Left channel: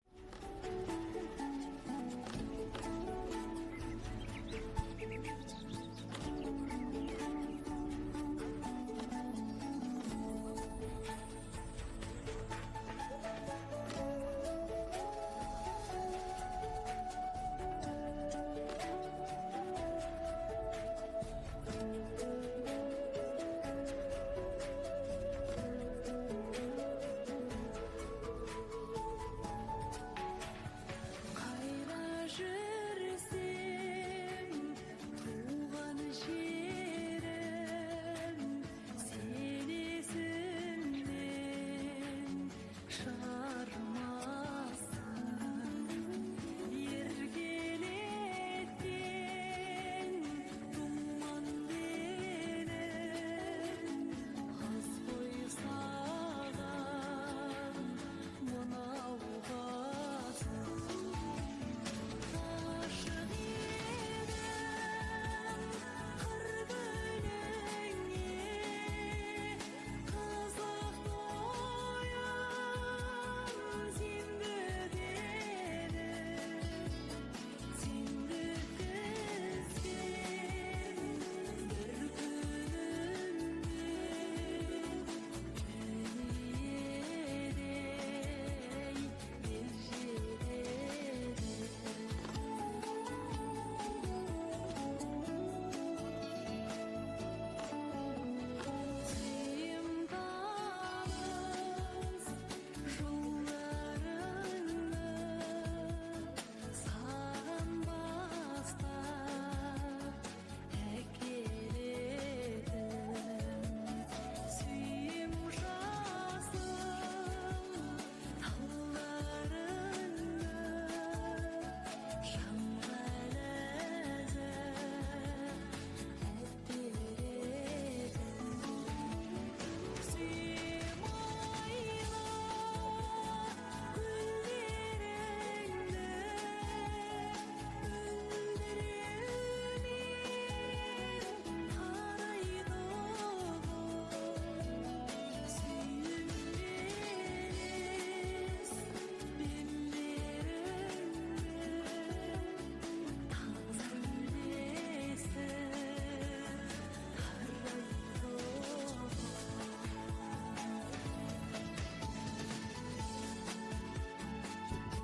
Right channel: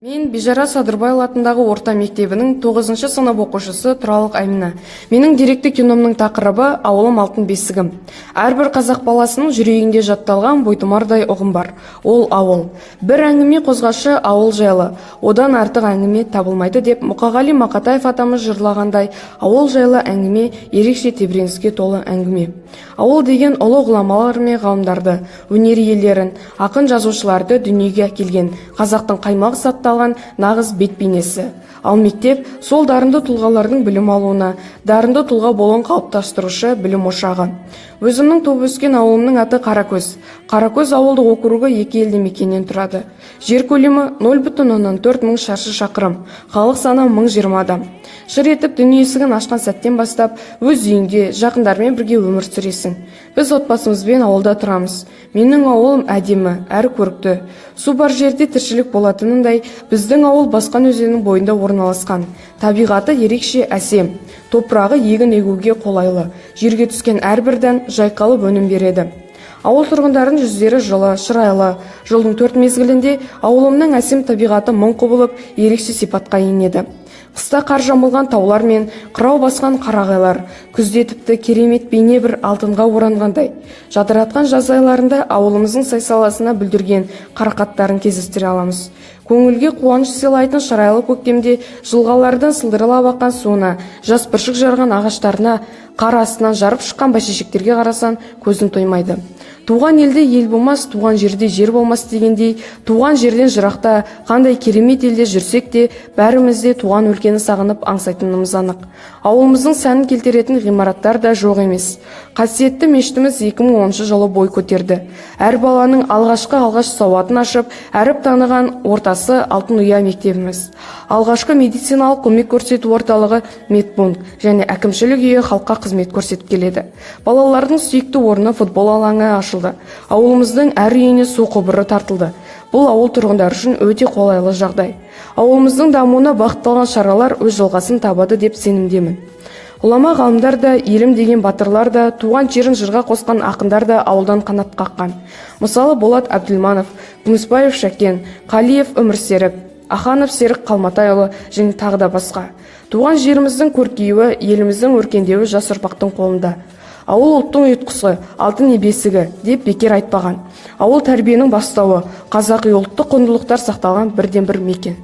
Мен Бижара Садырбай атындағы орта мектебінің 9-шы сынып оқушысы Тұралық Әмина. Менің деректі киномның тақырыбы «Ауылым алтын бесігім». Әрбір қазақ баласының жүрегінде жатталған бойтұмардай ұғым бар. Ол ауыл. Бір әңгіме қозғашы ауыл жайлы. Одан артық әңгіме табылмайды деп Мұқағали Мақатаев атамыз жырлағандай, ауыл жайлы әңгіме ерекше тебіреніске толы әңгіме. Ауыл деген ұлы ғұламалар мен ғалымдарды, өнер иелерін, ақын жазушыларды дүниеге әкелген қазақтың қаймағы сатталған нағыз бет бейнесі. Ал мектеп сол дарынды тұлғалардың білім алуына, дарынды тұлға болуын қалыптастырушы білім ошағы. Өзімнің туып өскен ауылымның аты Қаракөз. Қаракөз ауылдық округі 2 елді мекеннен тұрады. Жер көлемі 0,4 мың шаршы шақырым, халық саны 1020 адам. Шыр етіп дүние есігін ашқан сәттен бастап өз үйіңде жақындармен бірге өмір сүресің. Біз отбасымызбен ауылда тұрамыз. Менің ауылым әдемі, әрі көрікті. Су бар жерде тіршілік болатынындай, біздің ауыл Басқан өзенінің бойында орналасқан. Табиғаты ерекше әсем. Топырағы егін егуге қолайлы. Жерге түскен әрбір дән жайқалып өнім береді. Ауыл тұрғындарының жүздері жылы, шырайлы. Жылдың 4 мезгілінде ауылымның әсем табиғаты мың құбылып, ерекше сипатқа енеді. Қыста қар жамылған таулар мен қырау басқан қарағайлар, күзде тіпті керемет бейне бір алтынға оранғандай. Жадыратқан жаз айларында ауылымыздың сай-саласына бүлдірген қарақаттарын кездестіре аламыз. Көңілге қуаныш сыйлайтын шырайлы көктемде жылғалардың сылдыралап аққан суына, жас бүршік жарған ағаштарына, қар астынан жарып шыққан бәйшешектерге қарасан көзің тоймайды. Туған елде ел болмас, туған жерде жер болмас дегендей, туған жерден жырақта, қандай керемет елде жүрсек те, бәрімізде туған өлкені сағынып аңсайтынымыз анық. Ауылымыздың сәнін келтіретін ғимараттар да жоқ емес. Қасиетті мешітіміз 2010 жылы бой көтерді. Әр баланың алғаш сауатын ашып, әріп таныған ортасы Алтын Ұя мектебіміз. Алғашқы медициналық көмек көрсету орталығы медпункт және әкімшілік үйі халыққа қызмет көрсетіп келеді. Балалардың сүйікті орны футбол алаңы ашылды. Ауылымыздың әр үйіне су құбыры тартылды. Бұл ауыл тұрғындар үшін өте қолайлы жағдай. Ауылымыздың дамуына бағытталған шаралар өз жалғасын табады деп сенімдемін. Ғұлама ғалымдар да, елім деген батырлар да, туған жерін жырға қосқан ақындар да ауылдан қанат қаққан. Мысалы Болат Әбділманов, Күмісбаев Шәкен, Қалиев Өмірсерік, Аханов Серік Қалматайұлы және тағы да басқа. Туған жеріміздің көркеюі, еліміздің өркендеуі жас ұрпақтың қолында. Ауыл ұлттың ұйытқысы, алтын бесігі деп бекер айтпаған. Ауыл тәрбиенің бастауы, қазақи ұлттық құндылықтар сақталған бірден бір мекен.